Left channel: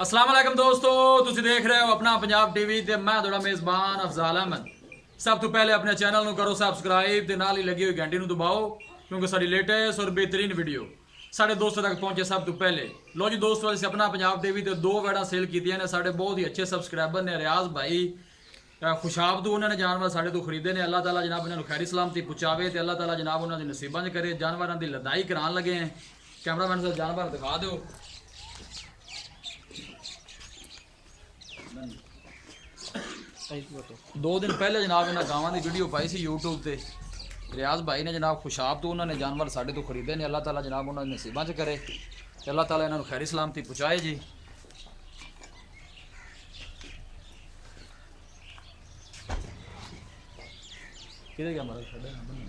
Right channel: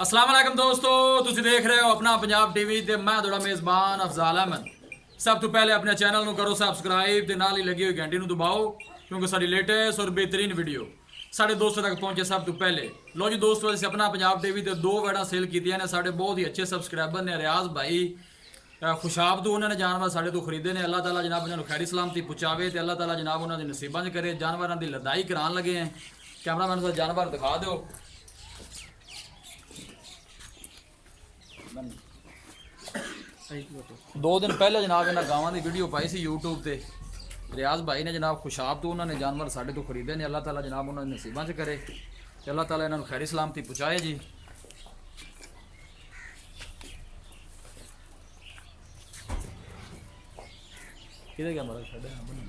अस्सलाम वालेकुम दोस्तों, ਤੁਸੀਂ ਦੇਖ ਰਹੇ ਹੋ ਆਪਣਾ ਪੰਜਾਬ ਟੀਵੀ ਤੇ ਮੈਂ ਤੁਹਾਡਾ ਮੇਜ਼ਬਾਨ ਅਫਜ਼ਾਲ ਅਹਿਮਦ। ਸਭ ਤੋਂ ਪਹਿਲੇ ਆਪਣੇ ਚੈਨਲ ਨੂੰ ਕਰੋ ਸਬਸਕ੍ਰਾਈਬ ਤੇ ਨਾਲ ਹੀ ਲੱਗੀ ਹੋਈ ਘੰਟੀ ਨੂੰ ਦਬਾਓ ਕਿਉਂਕਿ ਸਾਡੀ ਲੇਟੈਸਟ ਔਰ ਬਿਹਤਰੀਨ ਵੀਡੀਓ ਸਾਡੇ ਦੋਸਤਾਂ ਤੱਕ ਪਹੁੰਚੇ ਸਭ ਤੋਂ ਪਹਿਲੇ। ਲੋ ਜੀ ਦੋਸਤੋ, ਅਸੀਂ ਆਪਣਾ ਪੰਜਾਬ ਟੀਵੀ ਤੇ ਦੋ ਵੈਡਾਂ ਸੇਲ ਕੀਤੀਆਂ ਨੇ। ਸਾਡੇ ਬਹੁਤ ਹੀ ਅੱਛੇ ਸਬਸਕ੍ਰਾਈਬਰ ਨੇ ਰਿਆਜ਼ ਭਾਈ ਖੁਸ਼ਾਬ ਤੋਂ, ਉਹਨਾਂ ਨੇ ਜਾਨਵਰ ਸਾਡੇ ਤੋਂ ਖਰੀਦੇ ਨੇ। ਅੱਲਾਹ ਤਾਲਾ ਜਨਾਬ ਉਹਨਾਂ ਨੂੰ ਖੈਰੀ ਸਲਾਮਤੀ ਪਹੁੰਚਾਵੇ ਤੇ ਅੱਲਾਹ ਤਾਲਾ ਜਨਾਬ ਉਹਨਾਂ ਦੇ ਨਸੀਬਾਂ 'ਚ ਕਰੇ। ਜਾਨਵਰਾਂ ਦੀ ਲਦਾਈ ਕਰਾਉਣ ਲੱਗੇ हैं। कैमरामैन से जानवर दिखा दो। दो दिन पहले जनाब इन्होंने गावां की वीडियो पाई सी यूट्यूब पे। रियाज भाई ने जनाब खुशाब तो उन्होंने जानवर साढ़े तो खरीदे ने। अल्लाह ताला जनाब उन्होंने नसीबां च करे ते अल्लाह ताला इन्होंने खैरी सलामती पहुँचाए जी। किधर गया हमारा छड़े ना बने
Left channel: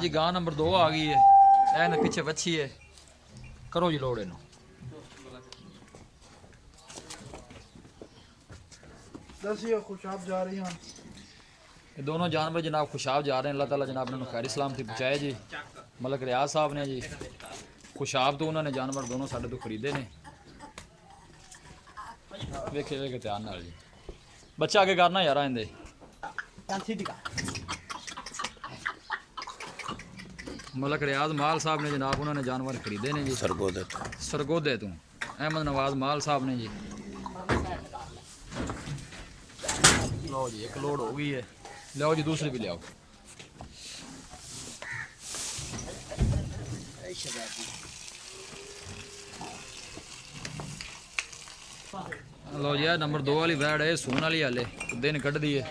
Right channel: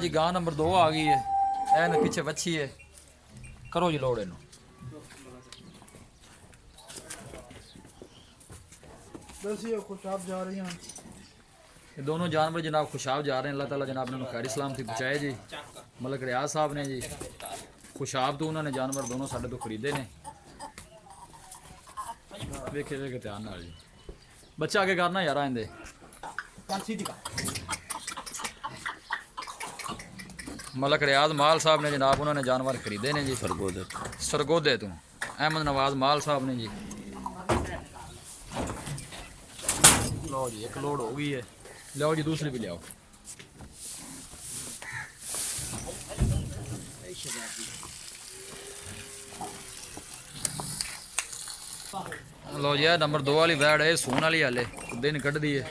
जी। गां नंबर 2 आ गई है। ए पीछे बच्ची है। करो जी लोड इनू। खुशाब जा रही हैं। ये दोनों जानवर जनाब खुशाब जा रहे हैं। अल्लाह ताला जनाब ने खैरी सलामती पहुँचाए जी। मलक रियाज साहब ने जी खुशाब तो उन्होंने जानवर दोनों साढ़े तो खरीदे ने। वेखे वेखे ध्यान नाल जी। बच्चा आगे करना यार आंदे। मलक रियाज माल साहब ने जनाब उन्होंने जानवर खरीदे ने जी। सरगोदे तो अहमद नवाज माल साहब ने जी। लो जी एक लोड हो गई है। लियाओ जी दूसरी भी लियाओ। लो जी नंबर 2 वाली वैड है। सून वाली हाले दिन कढ़ दी है।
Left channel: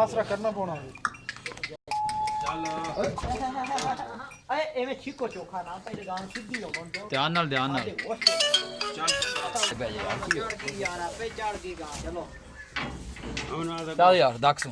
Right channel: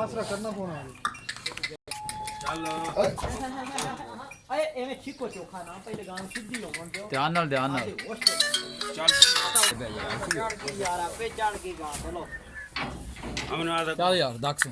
आसरा करना पौना है। ध्यान नाल ध्यान नाल चल यार दक्ष